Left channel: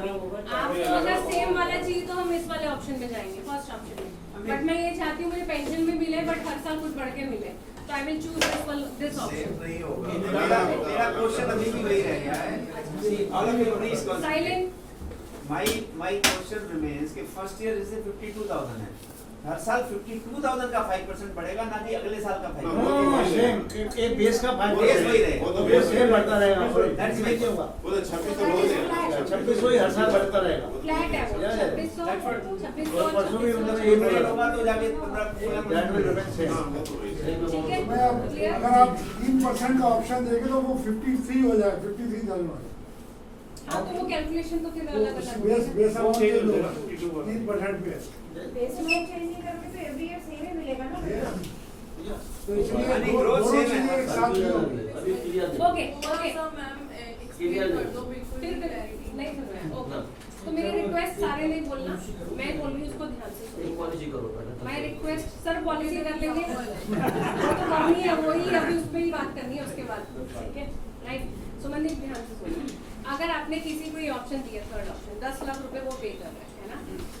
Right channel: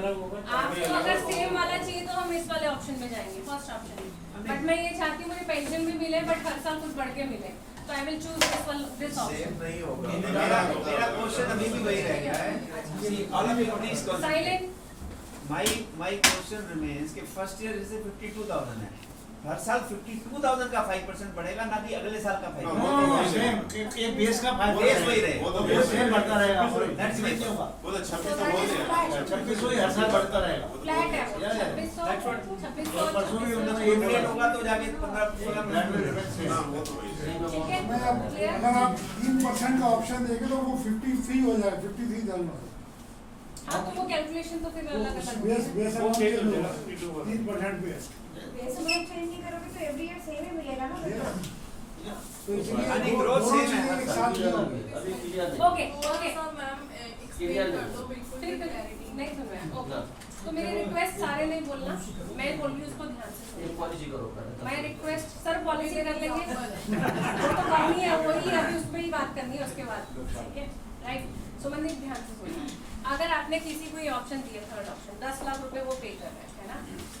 आपको अगर सेम वाला चाहिए तो हम इस वाले ऑप्शन पे जाएंगे, फर्स्ट ऑप्शन। बट मैं ये चाहती हूँ मुझे पेंशन भी मिले बट हर साल कुछ बढ़ के मिले, तो I will choose this option. नहीं होगा। मेरा क्वेश्चन अभी भी वही रह गया है। साइलेंट। My question remains कि फर्स्ट ईयर जैसे 52,000 है, हर साल 52,000 का 5% बढ़ेगा, ना कि अगले साल का 5%। एक बेस का बेस वही रहेगा। वो तो बेस सेम बढ़ता रहेगा। That's right. क्या होगा? वो तो 26 तो बोल देगा। 26 वही हर साल बढ़ता रहेगा। फ्लैट है वो, 2600 और परसों भी उन्होंने ये रेट होगा तो जाके 15-16 हाँ, वो तो वही है। ठीक है। मैं अब अगर आप 3% का ऑप्शन देंगे तो वो 53 हो जाएगा, 53,000। हाँ तो वो कैलकुलेशन तो फिर अलग अलग बेस वो अमाउंट okay के लो, है। 3% बेस। बेस अमाउंट चेंज नहीं करोगे तो एवरी ईयर सेम ही मिलेगा ना बच्चा। तो इसलिए यानी दोनों growth same है। चीजें एक साथ ही होंगी। अभी क्लियर नहीं। ओके ओके मैम कर दो बिल्कुल फिर नहीं सुन रहा है। ओके तो मेरी रिक्वेस्ट सारे नहीं बोलना, मैं बोल रही हूँ उसको ध्यान से सुनो। एक पॉलिसी करो पहले। मैं रिक्वेस्ट सर पॉलिसी कर लेंगे तो करनी है वही, अभी उस पर ही बात करनी है उसके बाद, ठीक है राइट। सुमनदीप ध्यान से सुनो, अगर आपने किसी को ये ऑप्शन दिया, थर्ड ऑप्शन 10 लाख रुपए वो पे कर रहा है ना,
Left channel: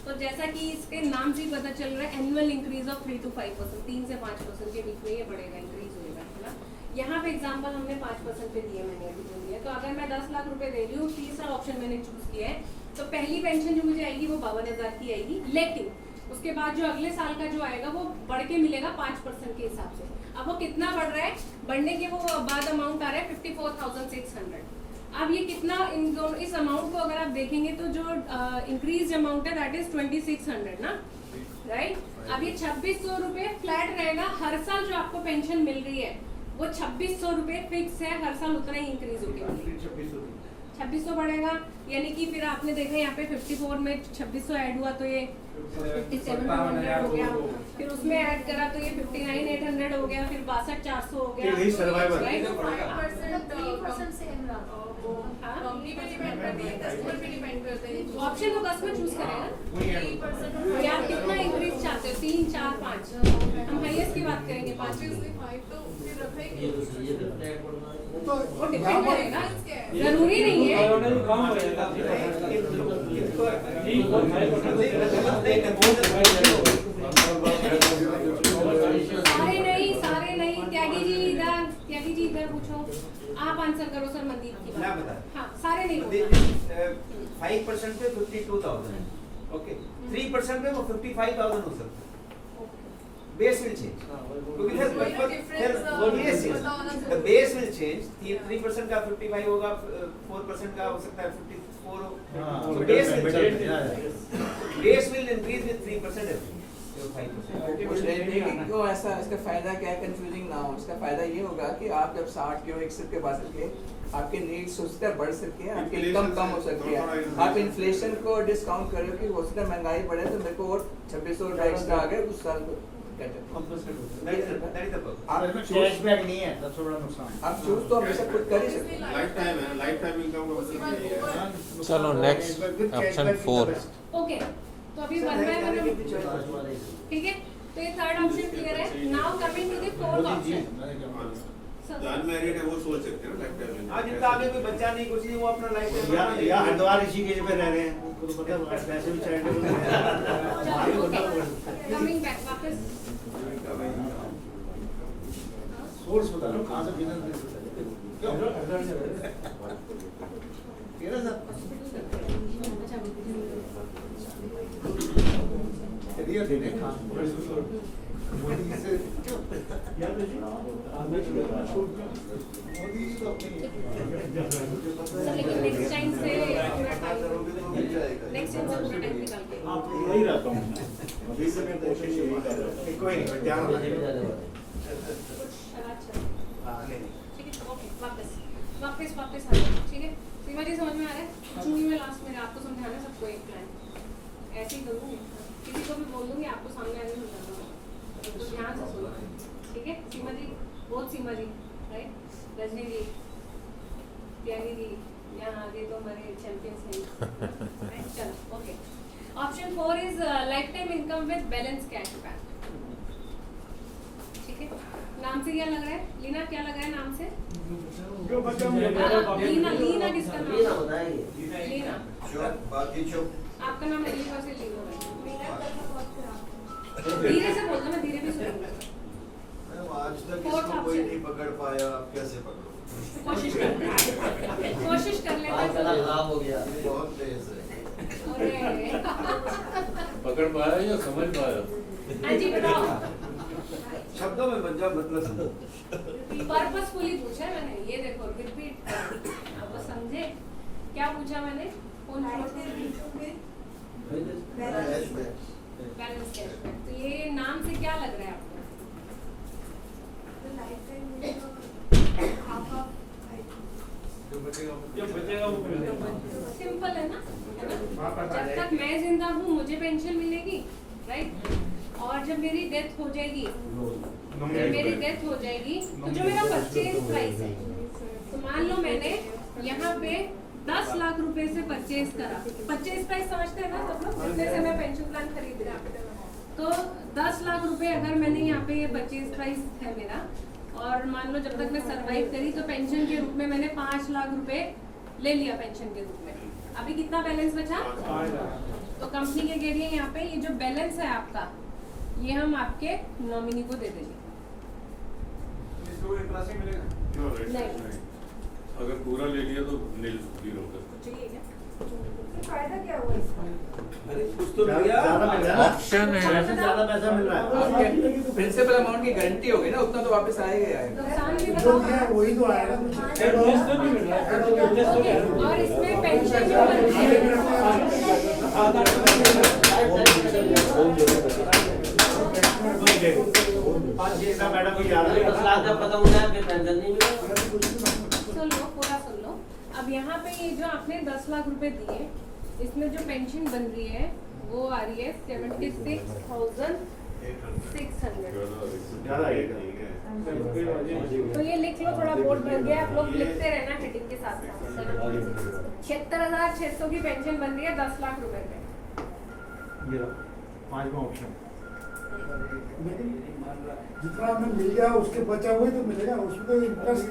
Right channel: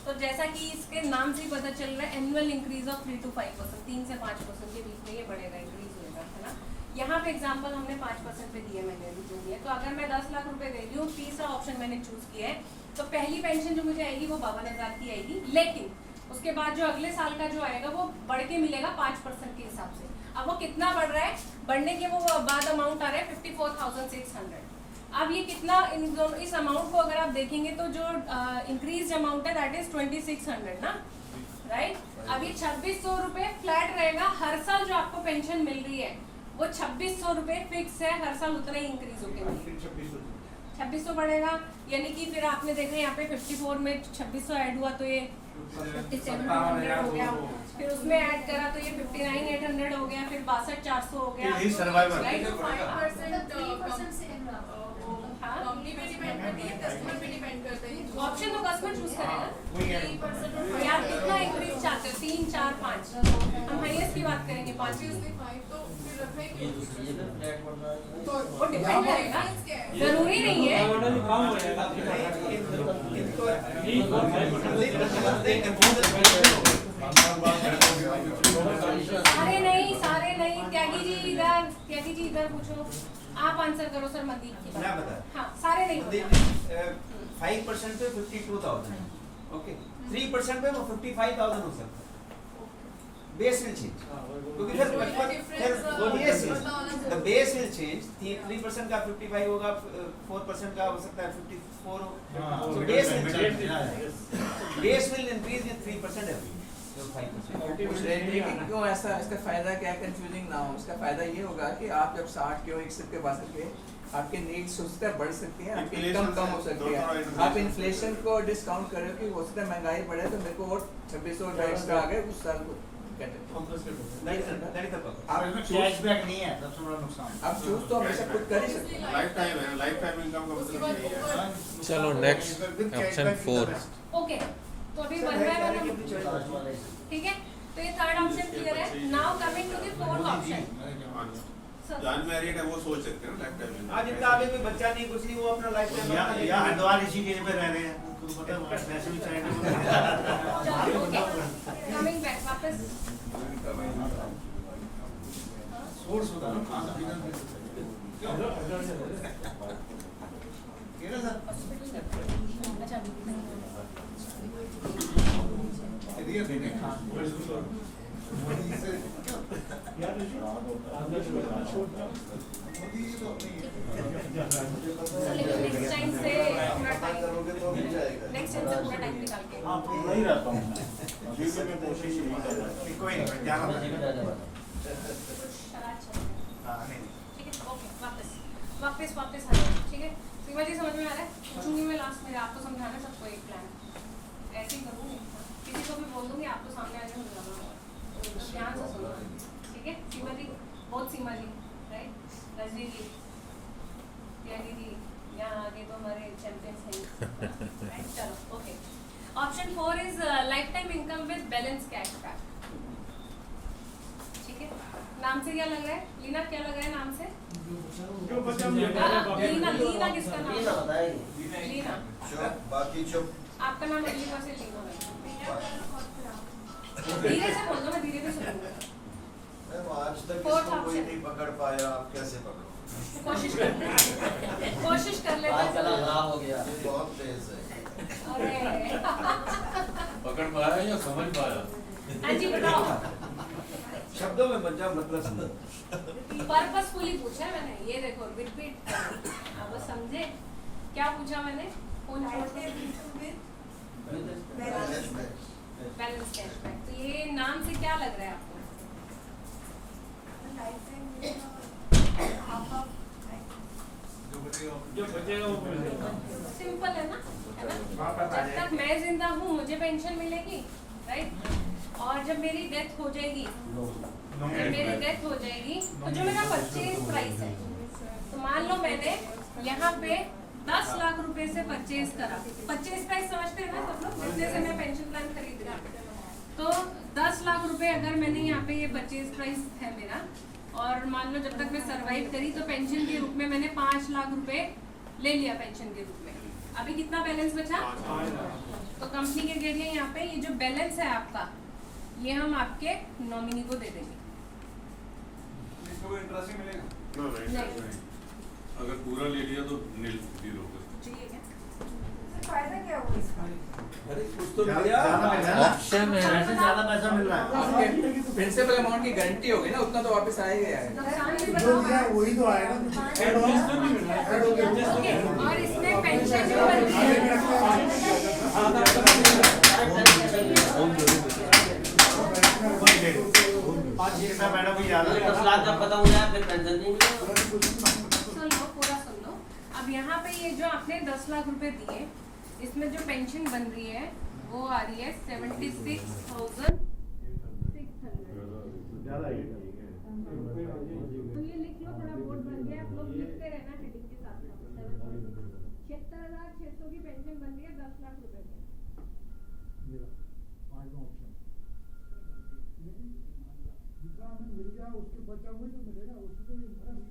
तो जैसा कि इसके नाम से ही पता चल रहा है एनुअल इंक्रीज ऑफ 3 to 5%, 3 से 5% के बीच में ये बढ़ेगा, इंक्रीज होगा, है ना। यहाँ पे एग्जांपल हमने 5% पे दिया, मैंने अभी जो दिया, तो अगर मैं 10 लाख रुपए दे रही हूँ, तीसरा ऑप्शन मैंने चूज किया है, तो पहली पेंशन जो मुझे आएगी वो 52,000 की आएगी, लेकिन उसके बाद जो अगले साल का जो आएगा वो बढ़ के मिलेगा 5% के हिसाब से। अब वो कितना बढ़ रहा है, बढ़ने के वो बाद अमाउंट आ रहा है 54,600। अब ये कितना इस अमाउंट को अगर आप देखेंगे तो जो इंक्रीज अमाउंट है दैट इज 2600 ना, राइट। अब ये 2600 रुपए फ्लैट रहेगा, हर साल जो आपको पेंशन मिल रही है वो 2600 रुपए फिक्स है, हर साल उतना ही इंक्रीज होकर 2600 बढ़ेगा, यानी कि फिर आपने देखा यहाँ पे 54 में 2600 ऐड हुआ तो ये 57,100 हो गया, फिर उसमें ऐड करा तो ये 59,800 हो गया, फिर 62,400 हो गया। यही सर्वाइवल। राइट? 3% सेम रहा। कंपनी पे डिपेंड करती है, कस्टमर पे डिपेंड करते हैं। ऑप्शन तो कस्टमर चूज करेगा। 3% तो यार कितना इंक्रीज चाहते हो, 3, 4, 5? हम हाईएस्ट की बात करेंगे, 5 तो फिर रखा ही ये तो सही है, फिर फ्लैट बढ़ना है। तो वो डिपेंड यहाँ पर करेगा, जरूरी नहीं है। सारे नहीं, त्यागी जी इधर पूछो, आप आंसर करो सर मनदीप की मैं बात। बता। हाँ सारे नहीं देखिए, बोलना। 5% पे 52,000 है, ओके। 3% पे वो 55,000 हो सकता है। बेस विल चेंज, क्योंकि फिर द बेस विल चेंज। 3% का 55 होगा, 4% का हो सकता है 54 हो। So base will increase with 3% every year. पूछ रहे थे कि क्यों ऐसा, इसका फायदा क्या है, कंफ्यूजिंग ना हो। इसका फायदा ये होगा कि आप जब 60 के हो, 61 के बाद के आपके नीड्स हो सकता है बढ़ सकती है, आपकी इनकम कम हो सकती है। आप इन्फ्लेशन को डिस्काउंट करो कि हो सकता है महंगाई बढ़े तो मेरे को और 2600 एक्स्ट्रा आ गए उस साल को। आप इसमें कैशबैक नहीं है, तब थोड़ा नुकसान। आप चूज तो हमेशा खुद कर ही सकते हैं। लाइफ टाइम है, लाइफ टाइम इनकम का मतलब ये है। चलो नेक्स्ट ऑप्शन 4। ओके तो अभी 1 by 1 ठीक है, तो ये थर्ड ऑप्शन क्लियर है। Now coming to the fourth option. John married है वो सोच सकते हैं ना लाइफ टाइम। आज इनका आगे कोई बच्चा नहीं, कुछ नहीं, वो अपना लाइफ टाइम या हरिद्वार इसी केज पे रह गए हैं, उनको तो पता है पैसे भी चाहिए। कमिंग बैक वापस सोर्स बता दो कहां से बिजनेस क्यों केरला सर अच्छा एरिया देने खास मोदी से यार मोदी जी तो अपनी नेक्स्ट टाइम से पूरा टाइम, नेक्स्ट टाइम से पूरा टाइम निकाल के आप यही रहता हूं अभी से मैं कोशिश यही कर रहा हूं। कोई नहीं, ध्यान रखना। हां नहीं ठीक है, ओके वापस आ जाओ, ठीक है। सीमा जी समझ में आ रहा है? जून में लास्ट में आपको समझाना है सबको एक प्लान, ऐसे ही करूंगी, किसी को भी बोलूंगी, आपको सामने आगे समझाऊंगा, तो ध्यान से सुनो, ठीक है। सीमा जी, बहुत सीमा जी, राइट, रजनी जी, प्यारी जी, यहाँ आगे तो हमारे चैंपियंस हैं। चलो okay, option 4 is life time income with balance cashback, ठीक है। नाम से क्या लग रहा है लीना, क्या लग रहा है नाम से? जो बच्चा लीना किसका नाम? बताएंगे लीना बाकी चुप। आपका नाम अलीका से तीन होगा। मेरा करना बहुत खराब। धीरे से बोल दो, मैं धीरे भी सुनूंगा। आज तक Fourth इसको कोई नहीं पकड़ पाया, आप कैसे पकड़ो? कोशिश कर कोशिश कर लेते हैं। खराब हो गया, बहुत तेज है। अरे पकड़ पाया या समझ पाया? अजी बताओ, शब्दों में बन जाओ, मतलब समझो। पर्पसफुली पूछा है मैंने, ये देखो रिपीट, अब वो समझे क्या पूछा मैंने? कौन लाइफ बैलेंस कैशबैक। तो ये नाम से क्या लग रहा है आपको? सिंपल है ना? जब तक मैं जिंदा हूँ मुझे पेंशन मिलेगी, राइट? और जब मेरी डेथ हो जाएगी, तो जो मेरा परचेज प्राइस है, तो मान लो मैंने यहाँ पे 10 लाख रुपए से परचेज करा। परचेज प्राइस समझते हैं ना सब लोग, जितने से मैं पेंशन प्लान खरीद रहा हूँ। तो 10 लाख रुपए अगर मैंने यहाँ पे ये परचेज प्राइस है मेरा, और मान लो जब तक मैं सरवाइव करी तो पेंशन के रूप में मैंने 5 लाख रुपए ले लिया पेंशन के रूप में। अभी कितना बैलेंस बचा? तो कंपनी के जरिए यहाँ पे ये जो बैलेंस है आपका, ये हम आपके नॉमिनी को दे देंगे। नहीं। अगर पूरा ले लिया तो नील जीरो पे। फायदा क्या हुआ इसका? अरे कुछ तो मिल गया। ऑप्शन है। ज्यादा पैसा मिल रहा है। आपके प्रिंसिपल अमाउंट की गारंटी होगी ना, उतना तो वापस आ ही गया है। नुकसान भी जो बताओ। दिया है वही तो आएगा। ओके, और इसमें पेंशन जो बनती है, मैडम को ज्यादा जब खत्म हो जाए फिर पेंशन नहीं मिलेगा। सुन लो, पूरा सुन लो। अब यहाँ पे ये जो आपने 10 लाख रुपए दिए, इसमें जो पेंशन बन रही है वो आ रही है 76,600। तो ये लिख लो, थोड़ा बोर्ड भर गया, आप लोग लिखते रहना हेडिंग के साथ साथ। 76,600 की पेंशन बन रही है 10 लाख रुपए पे। पांचवा ऑप्शन। जितना हमें मिल गया उसके बचा वही तो मिलेगा, उसमें तो इंटरेस्ट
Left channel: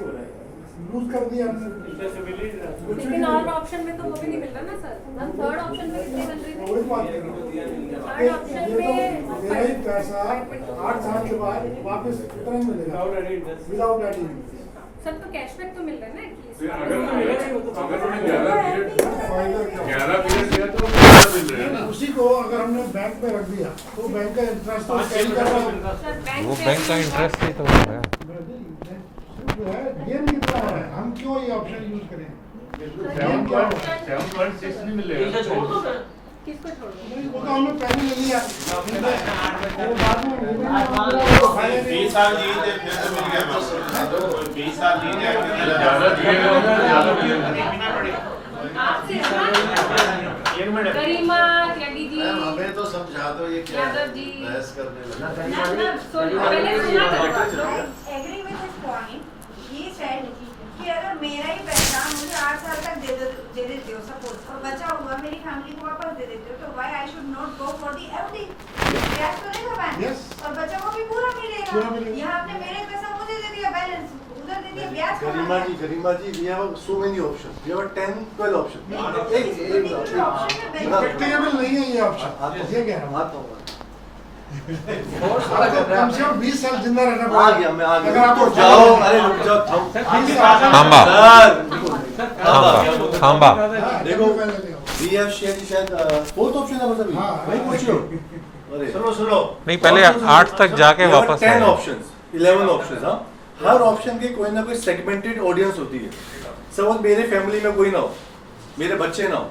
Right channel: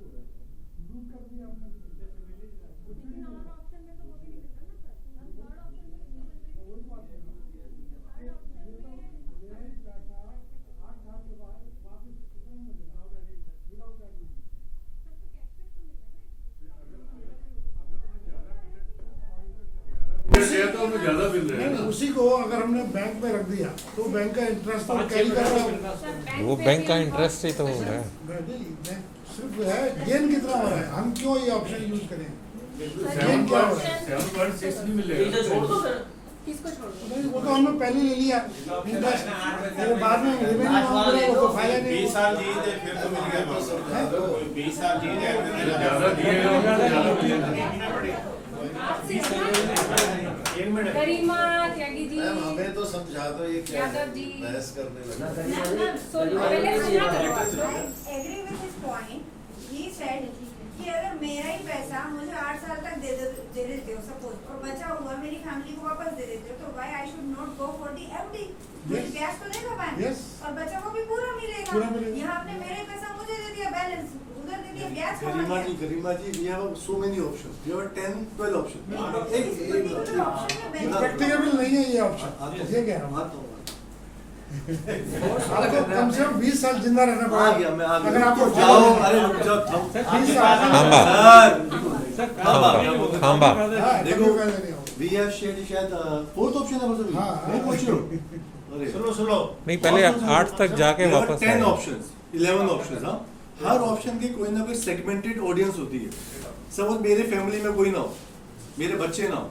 लूज कर दिया हमने। लेकिन और ऑप्शन में तो वो भी नहीं मिल रहा ना सर। हम थर्ड ऑप्शन में कितनी बन रही वही थी? बात है। थर्ड ऑप्शन ये में तो मेरा ही पैसा 8 साल के बाद वापस उतना ही मिलेगा विदाउट एडिंग। सर तो कैशबैक तो मिल रहा है ना एटलीस्ट। अगर तुम्हें 11 फायदा पीरियड दिया तो 11 मिल रहे हैं ना। उसी को अगर हमने बैंक में रख दिया तो बैंक का इंटरेस्ट तो कैरी कर रहा हूँ। सर वो बैंक का इंटरेस्ट ही तो है। सिर्फ है गेन कितना हो रहा है, हम क्यों ये ऑप्शन यूज करें? गेन क्या हो रहा है? 7.6 भी मिल इसे छोड़ दो फिर। किसको छोड़ दो? नहीं, वो तो हमने पहले ले लिया इंटरेस्ट, वो बाद में रिमेनिंग मांग रहा है, वो फायदा नहीं 20 साल दिए थे फिर तो मिल गया वापस। 20 साल दिए थे ज्यादा दिए होंगे ज्यादा मिलेगा। आपसे गरिमा त्यागी जी, हमें तो समझा दो ये क्या है, यादव जी। बहस करने लगे। पहले सुना था। Agree with this point. ये सेड कि अगर मेरा ही पैसा मुझे 8 साल तक दे देते हो सपोज, और बचा हुआ मेरी फैमिली को वापस दे देते हो, तो why I should not go for the FD? ब्याज तो देगा बैंक, Yes. और बचा हुआ भी पूरा पूरा मिलेगा। मिलेगा। यहाँ आपने मेरे पैसा मुझे दे दिया बैलेंस, उधर दे दिया ब्याज कमा Garima लिया। ji, we have so many options. We have 10, 12 options. particular option में benefit प्रैक्टिकेबल नहीं है ये ऑप्शन। ये कह रहा हूँ आपको कम से कम 20 साल जिंदा रहना आ पड़ेगा। गया मैं आ अगर गया आपको जाओ अरे रुक जाओ थांबा थांबा देखो वी हैव शेयर शायद फोर्थ ऑप्शन है मतलब हाँ, नहीं पूछो अरे सुनो नहीं, पहले 8 तक जाके वापस 10 आए। Options 11 options. हां हर ऑप्शन के कोई ना कोई सेगमेंटेड ऑडियंस होती है। सपोज मेरे फैमिली में कोई ना हो, मेरे बच्चे ना हो,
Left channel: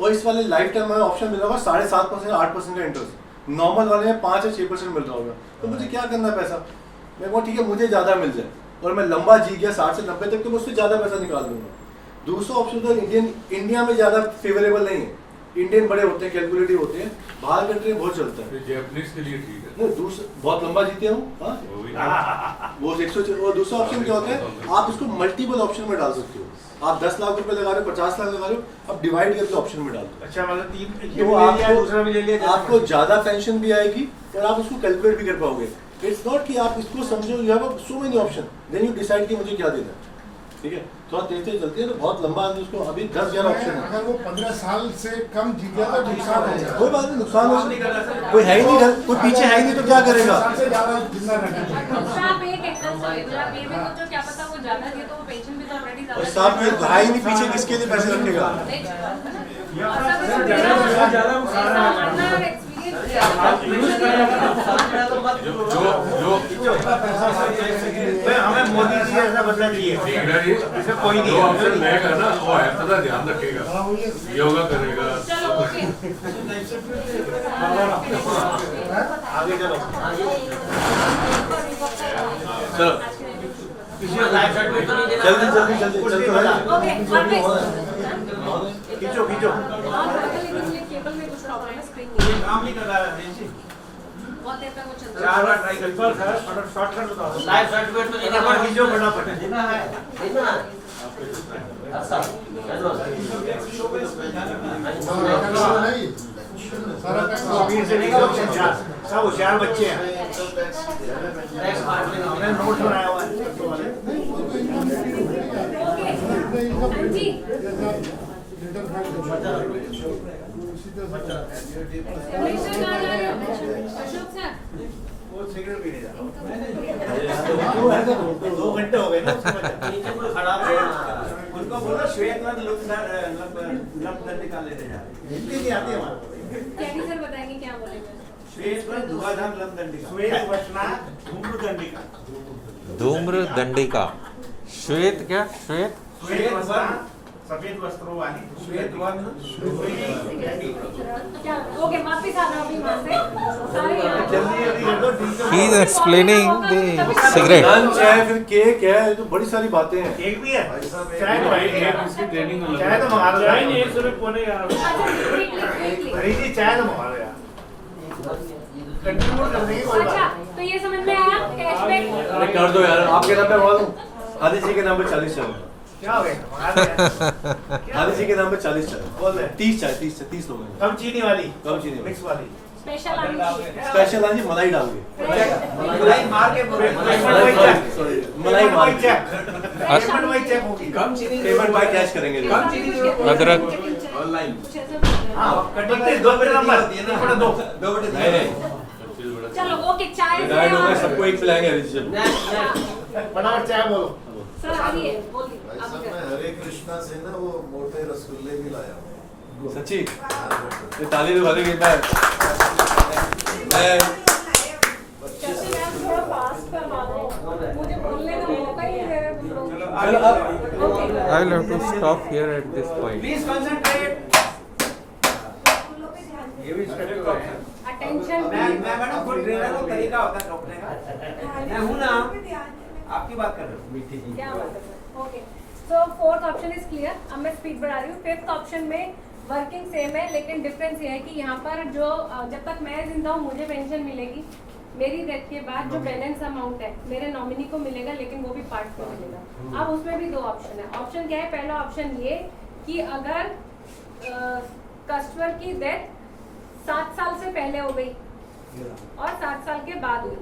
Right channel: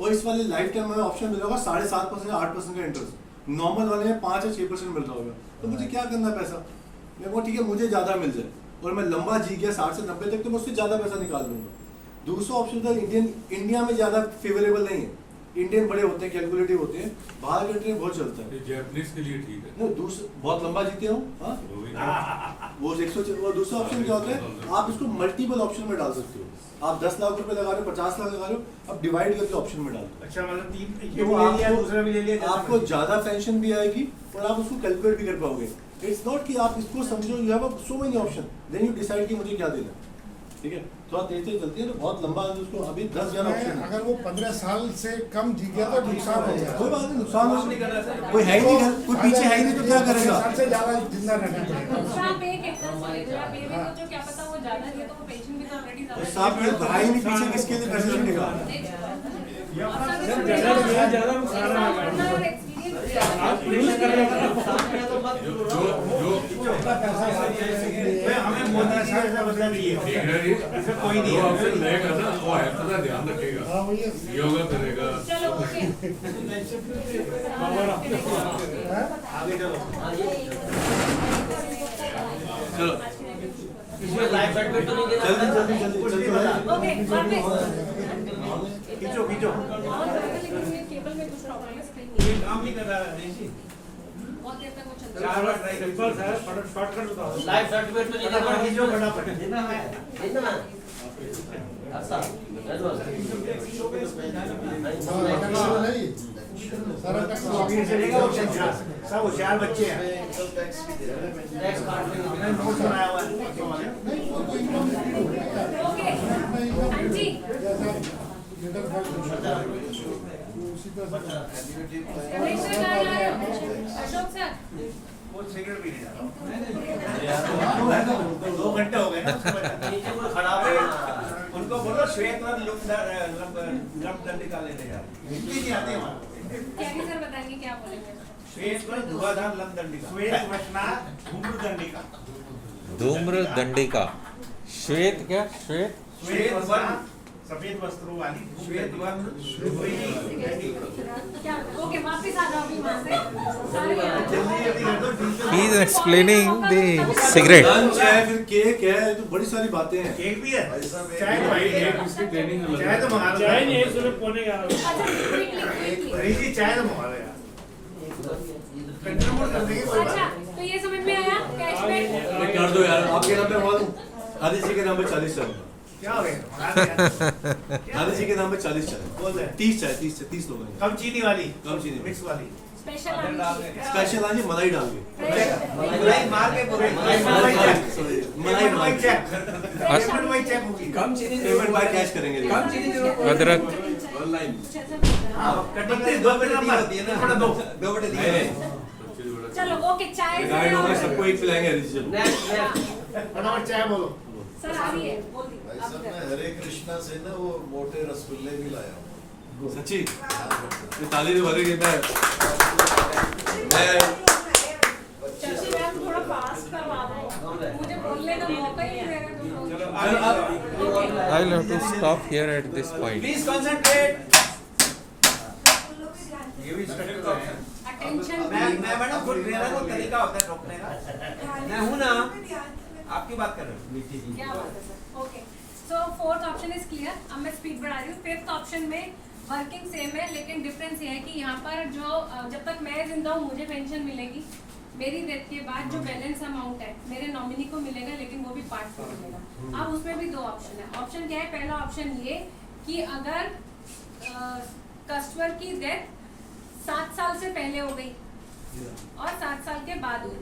और इस वाले लाइफ टाइम में ऑप्शन मिल रहा होगा 7.5% 8% का इंटरेस्ट, नॉर्मल वाले में 5 या 6% मिल रहा होगा। तो मुझे क्या करना है पैसा, मैं वो ठीक है मुझे ज़्यादा मिल जाए और मैं लंबा जी गया 60 से 90 तक, तो मैं उससे ज़्यादा पैसा निकाल दूंगा। दूसरा ऑप्शन तो इंडिया में ज़्यादा फेवरेबल नहीं है। इंडियन बड़े होते हैं, कैलकुलेटिव होते हैं, बाहर कंट्री में बहुत चलता है। जैपनीज के लिए ठीक है। नहीं दूसरा बहुत लंबा जीते हो हाँ वो भी वो 100 वो दूसरा ऑप्शन क्या होता है, आप इसको मल्टीपल ऑप्शन में डाल सकते हो। आप 10 लाख रुपए लगा रहे हो, 50 लाख लगा रहे हो, आप डिवाइड करके ऑप्शन में डाल दो। अच्छा मतलब तीन तो ये भी ले लिया दूसरा भी ले लिया आपको ज्यादा पेंशन भी आएगी और आप उसको कैलकुलेट भी कर पाओगे। इट्स नॉट कि आप इसको समझो you have so many option then you decide कि मुझे क्या देना है। ठीक है थोड़ा तेज चलती है तो बहुत लंबा आदमी उसको अभी 10,000 ऑप्शन है। अगर वो 15 साल से कम जी गया तो नुकसान हो जाएगा। कोई बात नहीं, नुकसान हो कोई है ही नहीं घर, कोई पीछे है ही नहीं तो क्या करेगा। सबसे ज्यादा जिंदा रहना चाहिए। तो आप एक एक्सरसाइज आप ये भी सोचो क्या पता वो ज्यादा दिया तो वो पेंशन भी तो ऑलरेडी और ज्यादा साहब ये है ही नहीं पीछे, किसके लिए पैसे रखेगा। हमें मोदी जी ऐसा बदला चाहिए, इसमें कोई नहीं ऑप्शन रहेगा ना, वो है पूरा ध्यान रखेगा, योगा करेगा। चलो ओके आगे चलो। चलो किसी को लाइफ सर्टिफिकेट तो नहीं देना। जल्दी जल्दी जल्दी ओके खींचो खींचो। केबल में कुछ प्रॉब्लम है, स्क्रीन नहीं है, काम नहीं कर रहा है नेंसी। बहुत देर तक वो चल रहा है। 4 बार ट्राई कर सिंपल सर, फटाफट शॉर्टकट बताओ। लाइफ सर्टिफिकेट तो नहीं देना। फटाफट खींचो फटाफट। देना है, देना है। अच्छा, नहीं सारा अभी से सब होशियार बच्चे हैं। टैक्स काट लेना। हमने नोट्स बनाया हुआ है। ओके जी अशोक सर वो सिगरेट पीने जा रहा हूँ। 2 घंटे हो गए ना उसके बाद। नीचे कोई खड़ा है। उनको बोलो श्वेत वन लंप निकाल लेने जा रहे हिंदी नहीं आती हमारे को। कैनी सर बताएंगे क्या बोलेंगे। श्वेत वन धुआधार लंप दंडिका। श्वेत वचना धूम्र दंडिका। धूम्र दंडिका। श्वेत क्या? श्वेत श्वेत वन सफेद वस्त्रों वाली श्वेत वन क्या ओके वापस आ जाओ अभी वहाँ से सारे जल्दी जल्दी कर दो। He is explaining the cigarette. Lunch है, फिर केक है, ये तो बड़ी सारी बातें हैं। केक भी है, चाय तो भाई चाय तो मंगा लो। चाय नहीं 1 रुपए पौने यार। हरी जी चाय तो मंगा लो यार। कंट्रीब्यूट कर देंगे कोई अच्छा बात। तो ये समझ में आया कैशबैक। अरे कर दो यार, आपके नाम पे मंगा दूं। आदि जी के नाम पे 40 चाय, क्या हो गया मंगा दो यार। आदि जी के नाम पे 40 चाय, बोल रहे 30 चाय, 30 लोग हैं। कम चीनी वाली, कम चीनी वाली। मिक्स वाली। स्पेशल आनी चाहिए। स्पेशल आनी मलाई डाल के। मलाई मार के बोले मलाई मार के। पेमेंट वही चेक होगी। कम चीनी पेमेंट बाय कैश करेंगे। कम चीनी जो अदरक ऑनलाइन कुछ ऐसा बोल रहे हैं। हाँ कटिंग पे 2 बटे नंबर होती है ना, 2 बटे नहीं दिए। नहीं चलो ओके चाय डाइट हो गए, सबको एक पिलाएंगे हरी जी। Next next. फटाफट चाय बोलो। सर आ रही है बोल दी भाई आप साहब कर। मैं हरे कृष्णा से ना वो मोटे रसगुल्ले भी लाया हूँ। सच्ची ये ताली तो भरेगी। मैं शशि मैम थोड़ा फास्ट करवा दो मुझे बोलने का मौका ही नहीं दे रहे तुम लोग। चलो आगे I will have to stop here at this point. Please concentrate. ये भी स्पेशल ऑप्शन। अटेंशन मैं मैडम खुद ट्रेनर को तरीका होता है रोकने का। मैं हूं ना, आपकी बात कर रहा हूं। क्या बात है sir okay so fourth option is clear. अब मैं स्पीड बढ़ा रही हूँ। फिफ्थ ऑप्शन में वर्किंग सेम है लेकिन डिफरेंस ये है कि यहाँ पर जो जब तक मैं जिंदा हूँ मुझे पेंशन मिलेगी। मेरी डेथ के बाद जो बैलेंस अमाउंट है मेरे नॉमिनी को मिलेगा लेकिन वो भी पार्ट में मिलेगा। अब उसमें भी 2 ऑप्शन है। ऑप्शन क्या है? पहला ऑप्शन ये कि अगर कस्टमर की डेथ 7 साल से पहले हो गई और 7 साल के बाद हुई,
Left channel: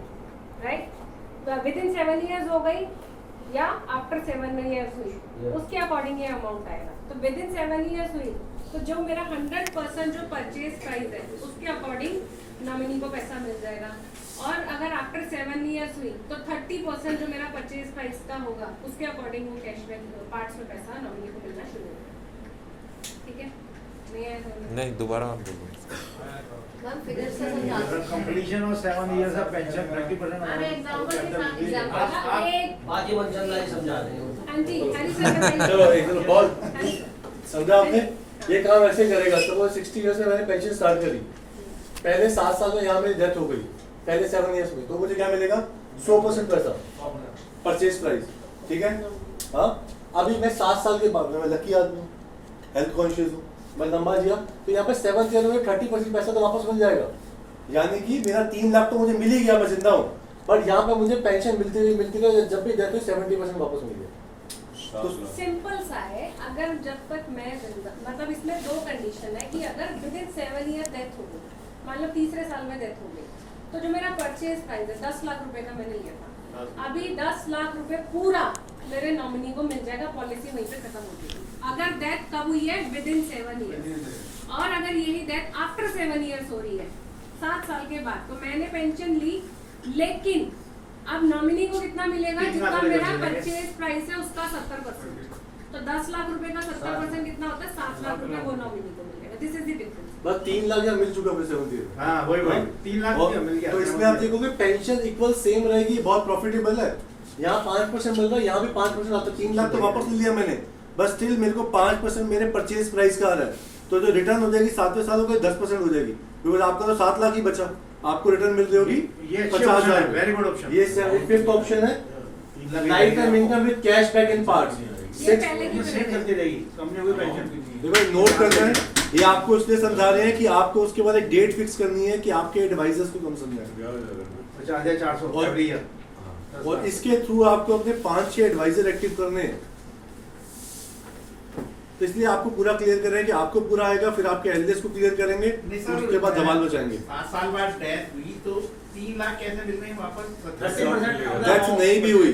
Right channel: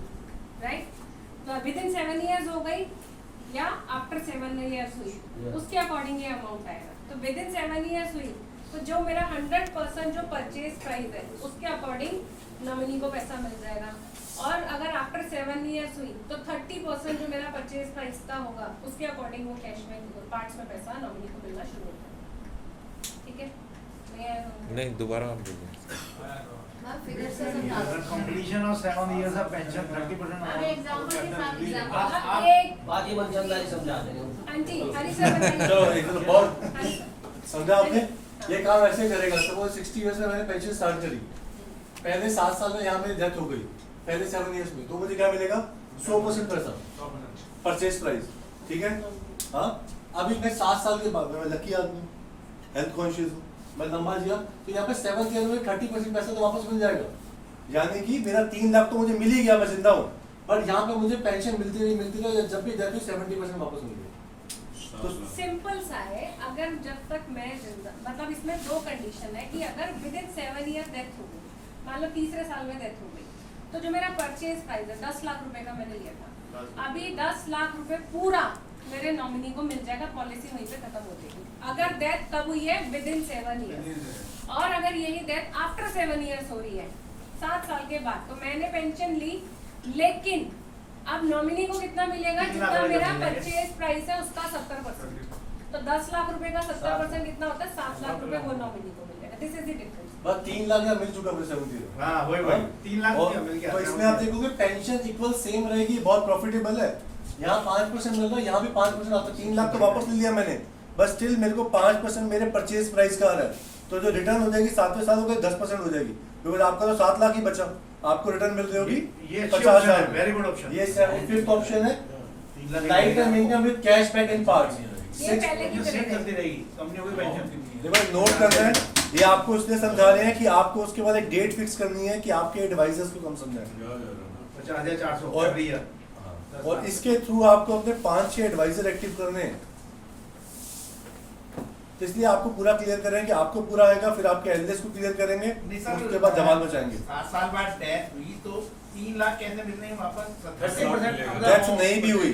राइट, विद इन 7 इयर्स हो गई या आफ्टर 7 इयर्स हुई, उसके अकॉर्डिंग ये अमाउंट आएगा। तो विद इन 7 इयर्स हुई तो जो मेरा 100% जो परचेज प्राइस है उसके अकॉर्डिंग नॉमिनी को पैसा मिल जाएगा। और अगर आफ्टर 7 इयर्स हुई तो 30% जो मेरा परचेज प्राइस का होगा उसके अकॉर्डिंग वो कैश में पार्ट्स में पैसा नॉमिनी को मिलना शुरू हो जाएगा। ठीक है? नहीं दोबारा आप बोलो। Completion of 7 years of pension 30% बाकी मनचंदारी समझा देंगे। आंटी हरी सर चलो एक बहुत समझा आपने। ये काम ऐसे करेगा तो वो 60 इयर्स में मैंने पेंशन स्टार्ट करी, पहले 7 साल में यहाँ मेरी डेथ हो गई, पहले 7 इयर्स में, तो मुझे क्या मिलेगा? 100% पैसा परचेज प्राइस। ठीक है? हाँ अभी मैं 7 साल के बाद, मैं लकी आदमी, हेल्थ कॉन्शियस हूँ, मैं लंबा जिया, तो यहाँ पे 7th ईयर में 30% पैसा तो वापस मिल जाएगा। यानी कि मेरा 3 लाख तो मुझे मिल ही गया, मैं जिंदा हूँ, पर यहाँ पे मुझे पेंशन मिलती रही जब भी जाती 70% वापस मिल गया। तो सिंपल सा है, अगर जब तक मैं जिंदा, मतलब इसमें 2 कंडीशन है कि अगर विद इन 7 ईयर डेथ हो गई, मान लो 3रे साल में डेथ हो गई, तो जो मेरा परचेज प्राइस है 10 लाख रुपए का मैंने लिया था, अभी 10 लाख रुपए पूरा मेरे नॉमिनी को मिल जाएगा, पॉलिसी वहीं पे खत्म हो जाएगी। अगर डेथ कब हुई है, विद इन 7 ईयर्स, और अगर यही डेथ आफ्टर 7 ईयर्स हो रही है, 7 साल के बाद, तो मैंने पेंशन ली, लेकिन अब नॉमिनी को कितना मिलेगा, जितना मेरा परचेज प्राइस है उसका 70%। तो 10 लाख रुपए का 70% कितना होता है, 7 लाख रुपए वो नॉमिनी को मिलेगा। This is the difference. बस 3 लाख या मिल चुका मुझे 70। हाँ वही 3 लाख मिल गया। तो इसमें आप देखोगे पेंशन इक्वल सेम रहेगी, बहुत प्रॉफिटेबल है। यहाँ 5% मिल रहा है, यहाँ भी 5% आता है। 3 लाख तो वापस ले लिया मैंने, बस स्टिल मेरे को 5% मेरे परचेज प्राइस का आ रहा है। तो जो रिटर्न हो जाएगी 7वें साल हो गए 10% हो जाएगी, बिकॉज आपका तो 7 लाख ही बचा, आपको रिटर्न मिल रही होगी 50 लाख। Very good option. ये 5th ऑप्शन है, life time income with cash back in parts. चलती रहेगी कंपनियों की पेंशन। देखो नोट करना है, ये आपको इसलिए समझा रहे हैं कि आपको उसके बाद एक डेट फिक्स करनी है कि आपके एडवाइजर्स को कौन समझाएगा। 5400 और इसके थ्रू आपको अपने 5-6 एडवाइजर एक्टिव करने हैं। तो इसलिए आपको पूरा क्लियर कर रहे हैं कि आपको पूरा आएगा, फिर आपके एलएलएस को क्लियर करेंगे, उसके बाद धमाल बचाएंगे। 7 साल बाद डेथ हुई तो 3 लाख कैसे मिल रहे हैं वापस? 30% डेथ नहीं भी हुई,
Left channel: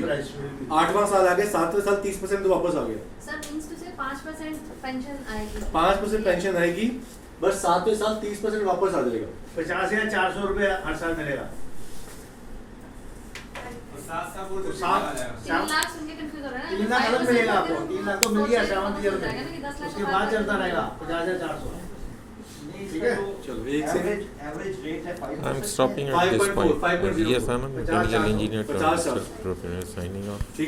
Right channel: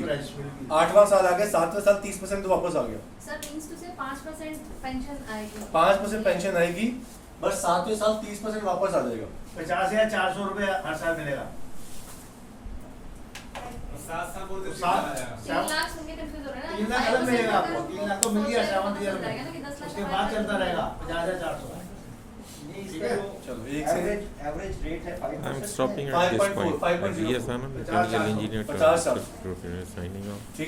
8वां साल आ गया, 7वें साल 30% तो वापस आ गया। सर मींस टू से 5% पेंशन आएगी। 5% पेंशन आएगी, बस 7वें साल 30% वापस आ जाएगा। 50,400 रुपए हर साल मिलेगा। 3 लाख सुन के कंफ्यूज हो रहा है 3 लाख अलग मिलेगा आपको, 3 लाख तो मिल गया 7th ईयर हो जाएगा ना कि में, 10 लाख उसके बाद चलता रहेगा 50,400। ठीक है, चलो एक से एवरेज रेट है 5%। I'm stopping at this 5.4, point. 5.04. Yes, Anand, mechanical engineer, 50 साल। signing off.